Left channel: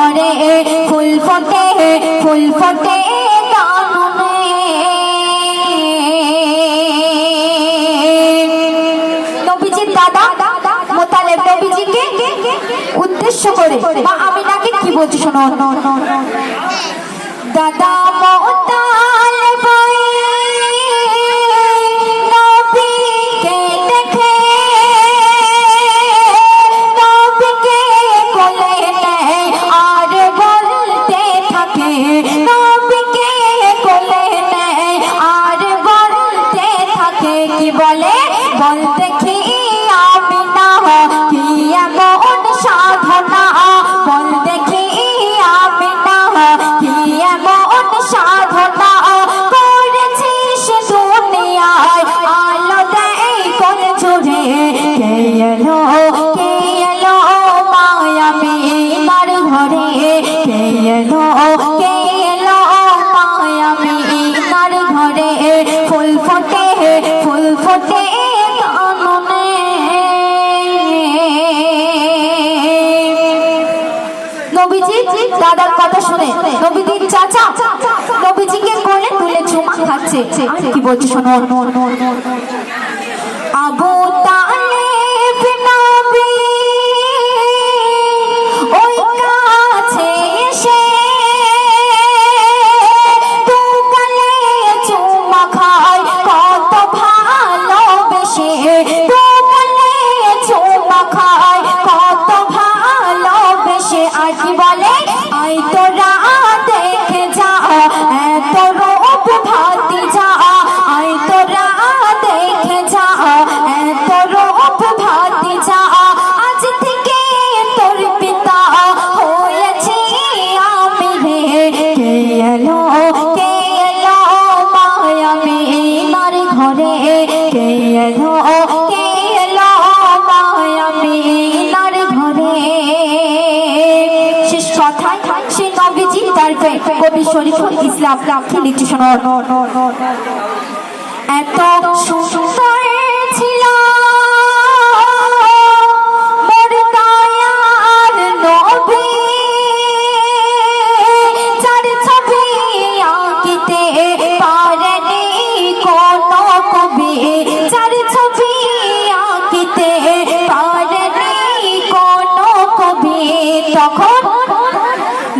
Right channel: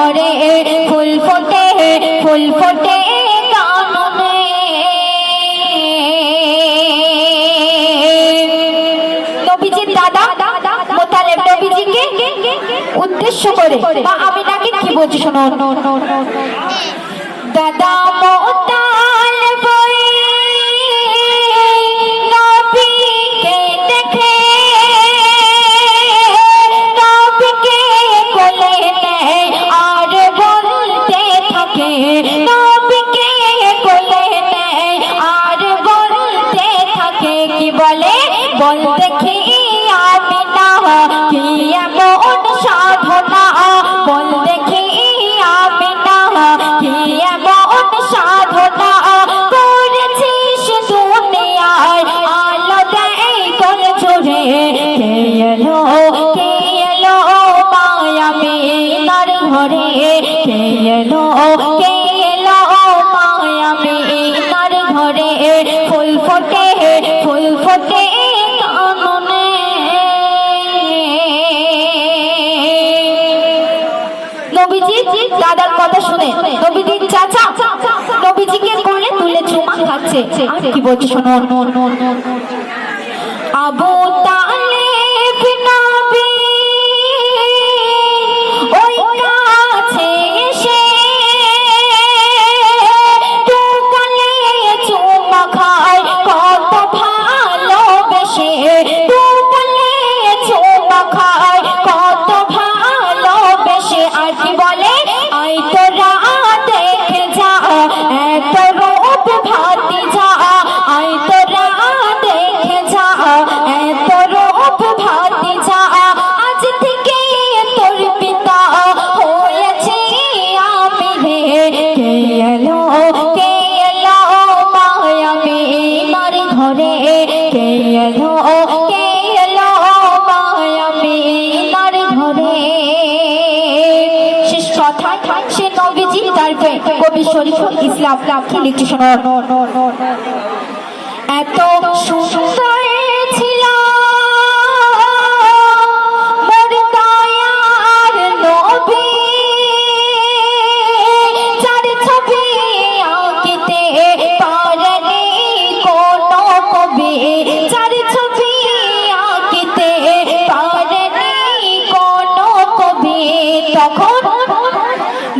ঘরে ফুল ফোটে কাননে। নবীজির দাদা মোতালেব নবীজিকে উদ্দেশ্য করে মা আমিনাকে কি বলছে শোনো। দাদা মোতালেব নবীকে দেখে নবীকে কোলে নেয় আর বলতে থাকে, নবীকে কোলে নেয় আর বলতে থাকে। কি বলে? বল দেখি আমিনা কি এমন সাধনা, বল দেখি আমিনা কি এমন সাধনা করেছিস দুনিয়ায় আলো দেয় কোন জোরে। কে এলো মায়া আমিনার ঘরে, কে এলো মায়া আমিনার ঘরে ফুল ফোটে কাননে। নবীজি দাদার কথা শুনে নবীজির চাচা নবীজিকে কোলে তুলে চুমা খাচ্ছে। কি বলছে শোনো। আবু তালেব নবী ওই কাছে এসে দু গালে চুমা খায় কত ভালোবেসে, দু গালে চুমা খায় কত ভালোবেসে। আর কি বলে? আই তোরা দেখে যা এত রূপ ভাতিজা, আই তোরা দেখে যা এত রূপ ভাতিজা। আজ থেকে তোর পিতা হয়েছি আমি রে। কে এলো মায়া আমিনার ঘরে, কে এলো মায়া আমিনার ঘরে। শেষ কথা সে নবীজি তারপরে কবি শরীফুল ইসলাম কি লিখছে শোনো। এত সুন্দর ছিল মোর দয়ার নবী, যার ছবি আঁকিতে পারেনি কোনো কবি, যার ছবি আঁকিতে পারেনি কোনো কবি। তখন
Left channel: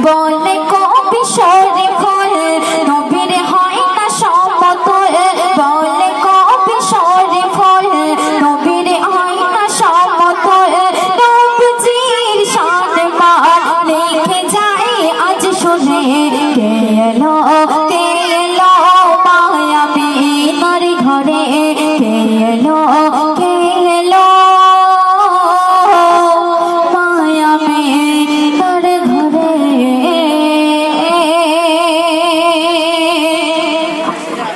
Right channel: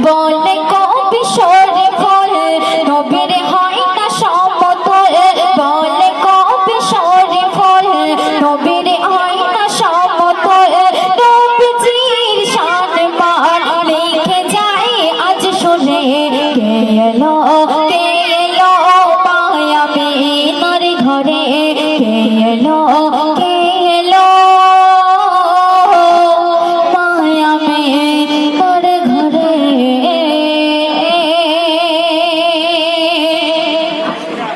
বলে কবি শরীফুল নবীর হয় না সমতল, বলে কবি শরীফুল নবীর হয় না সমতল। নবীজির শান মান লিখে যায় আজ শুনে। কে এলো